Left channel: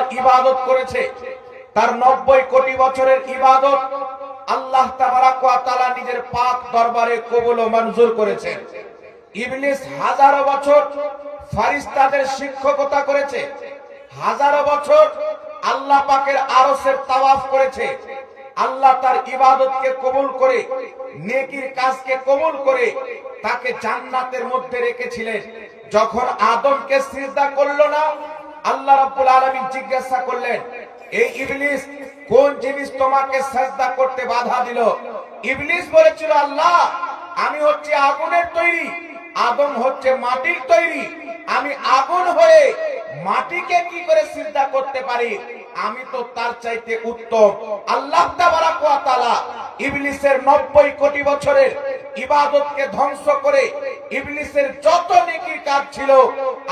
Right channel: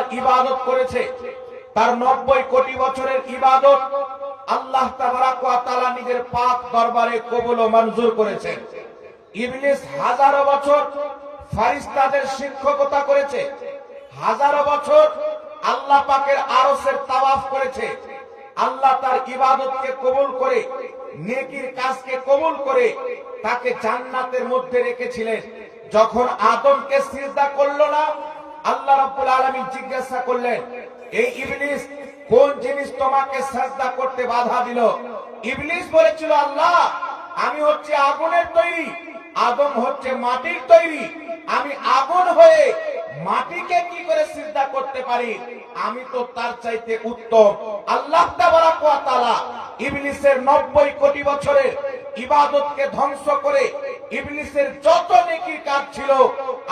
আল্লাহর ইবাদত করেছে, তার 90 কোটি বছরের ইবাদত আল্লাহ তাবারাক ওয়া তাআলা নিজের পাক দরবারে কবুল ও মঞ্জুর করেছেন। ইবলিস হাজারো বছর ফেরেশতাদের শিক্ষকতা করেছে, হাজারো বছর আল্লাহ পাকের আরশের তাওয়াফ করেছে। আল্লাহ তার ইবাদতকে কবুল করে, নেকির কাজকে কবুল করে তাকে জান্নাতের মধ্যে রেখেছিলেন। যখন আদমকে সিজদা করলো না, আল্লাহ রাব্বুল আলামিন জিজ্ঞাসা করলেন, এই ইবলিস কোন জিনিস তোমাকে সিজদা করতে বাধা দিল? ইবলিস বলেছিল, আল্লাহ আমি হচ্ছে আগুনের তৈরি, আদম হচ্ছে মাটির তৈরি, আমি আগুন হয়ে মাটিকে কি করে সিজদা করতে পারি? আমি তো তার চাইতে উত্তম। আল্লাহ তাবারাক ওয়া তাআলা ইবলিসের 90 কোটি বছরের ইবাদতকে ধ্বংস করে, ইবলিসের যত নেকির কাজ ছিল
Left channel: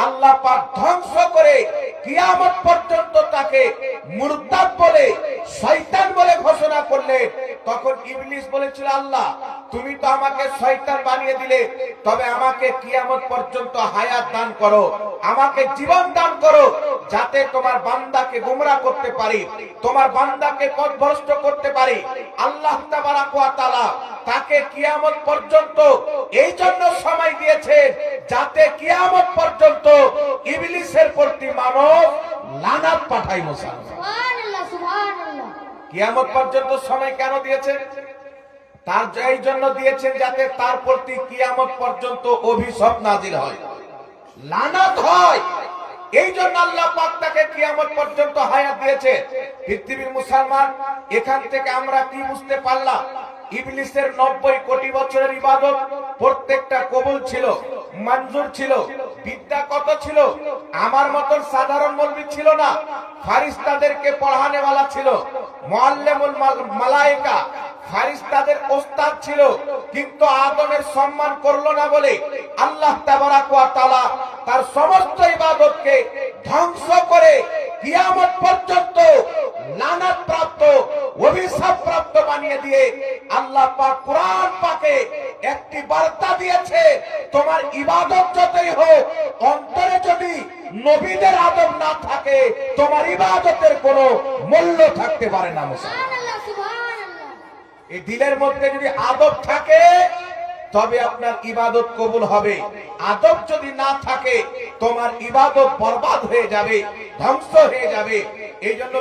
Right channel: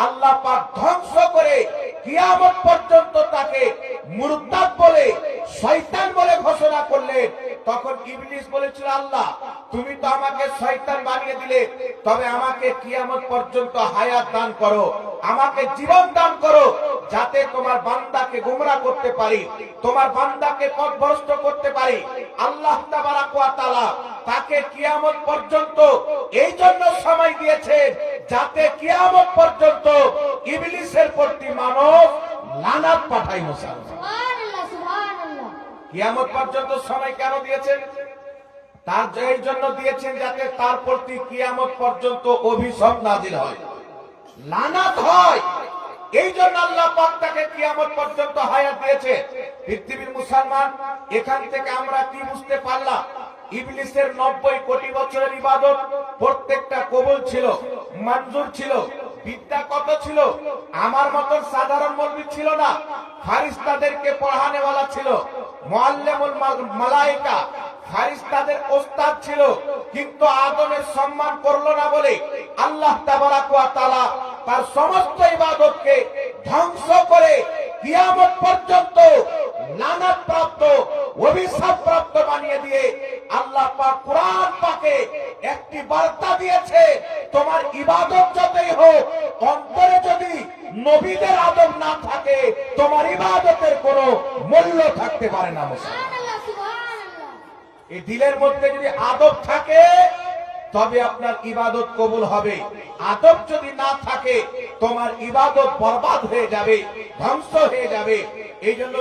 আল্লাহ পাক ধ্বংস করে কিয়ামত পর্যন্ত তাকে মুরতাদ বলে, শয়তান বলে ঘোষণা করলেন। তখন ইবলিস বলেছিল, আল্লাহ তুমি তো আমাকে শয়তান বানিয়ে দিলে, তবে আমাকে কিয়ামত পর্যন্ত হায়াত দান করো, আমাকে জীবন দান করো, যাতে তোমার বান্দাকে গোমরাহ করতে পারি, তোমার বান্দাকে পথভ্রষ্ট করতে পারি। আল্লাহ তাবারাক ওয়া তাআলা তাকে কিয়ামত পর্যন্ত এই জন্য সময় দিয়েছে, যাতে কিয়ামত পর্যন্ত ইবলিসের প্রতি মানুষ লানাত পাঠায়। সুবহানাল্লাহ, সুবহানাল্লাহ। কিয়ামত পর্যন্ত সময় কেন দিয়েছেন? তার এই জন্য দিয়েছেন যাতে তার প্রতি কিয়ামত পর্যন্ত অভিশাপ নাজিল হয়, লানাত হয়। এই জন্য আল্লাহ পাক তাকে কিয়ামত পর্যন্ত হায়াত দিয়েছে। পৃথিবীর মুসলমান, এখান থেকে আমরা কি বুঝতে পারলাম? ইবলিসের 90 কোটি বছরের ইবাদত প্রত্যেকটা কবুল ছিল, মঞ্জুর ছিল। বিদ্যা কত ছিল? আমার মতন সাধারণ মৌলবি ছিল না, ফেরেশতাদেরকে পড়ানেওয়ালা ছিল, মুআল্লিমুল মালায়েকা ফেরেশতাদের ওস্তাদ ছিল। কিন্তু আদমের সম্মান করলো না বলে আল্লাহ তাবারাক ওয়া তাআলা তার সমস্ত ইবাদতকে ধ্বংস করে কিয়ামত পর্যন্ত লানত প্রাপ্ত, অভিশাপ প্রাপ্ত বানিয়ে দিয়ে আল্লাহ পাক কুরআন পাকে একটি বার্তা দিয়েছে, তোমার ইবাদত যতই হোক, অন্তরে যদি নবীদের আদব না থাকে, তোমার ইবাদতের কোনো মূল্য থাকতে পারে না। সুবহানাল্লাহ, সুবহানাল্লাহ। এই দিলের মধ্যে যদি আদব থাকে তবে আপনার ইবাদত কবুল হবে। আদব যদি না থাকে তোমার ইবাদত বরবাদ হয়ে যাবে, ধ্বংস হয়ে যাবে। এই জন্য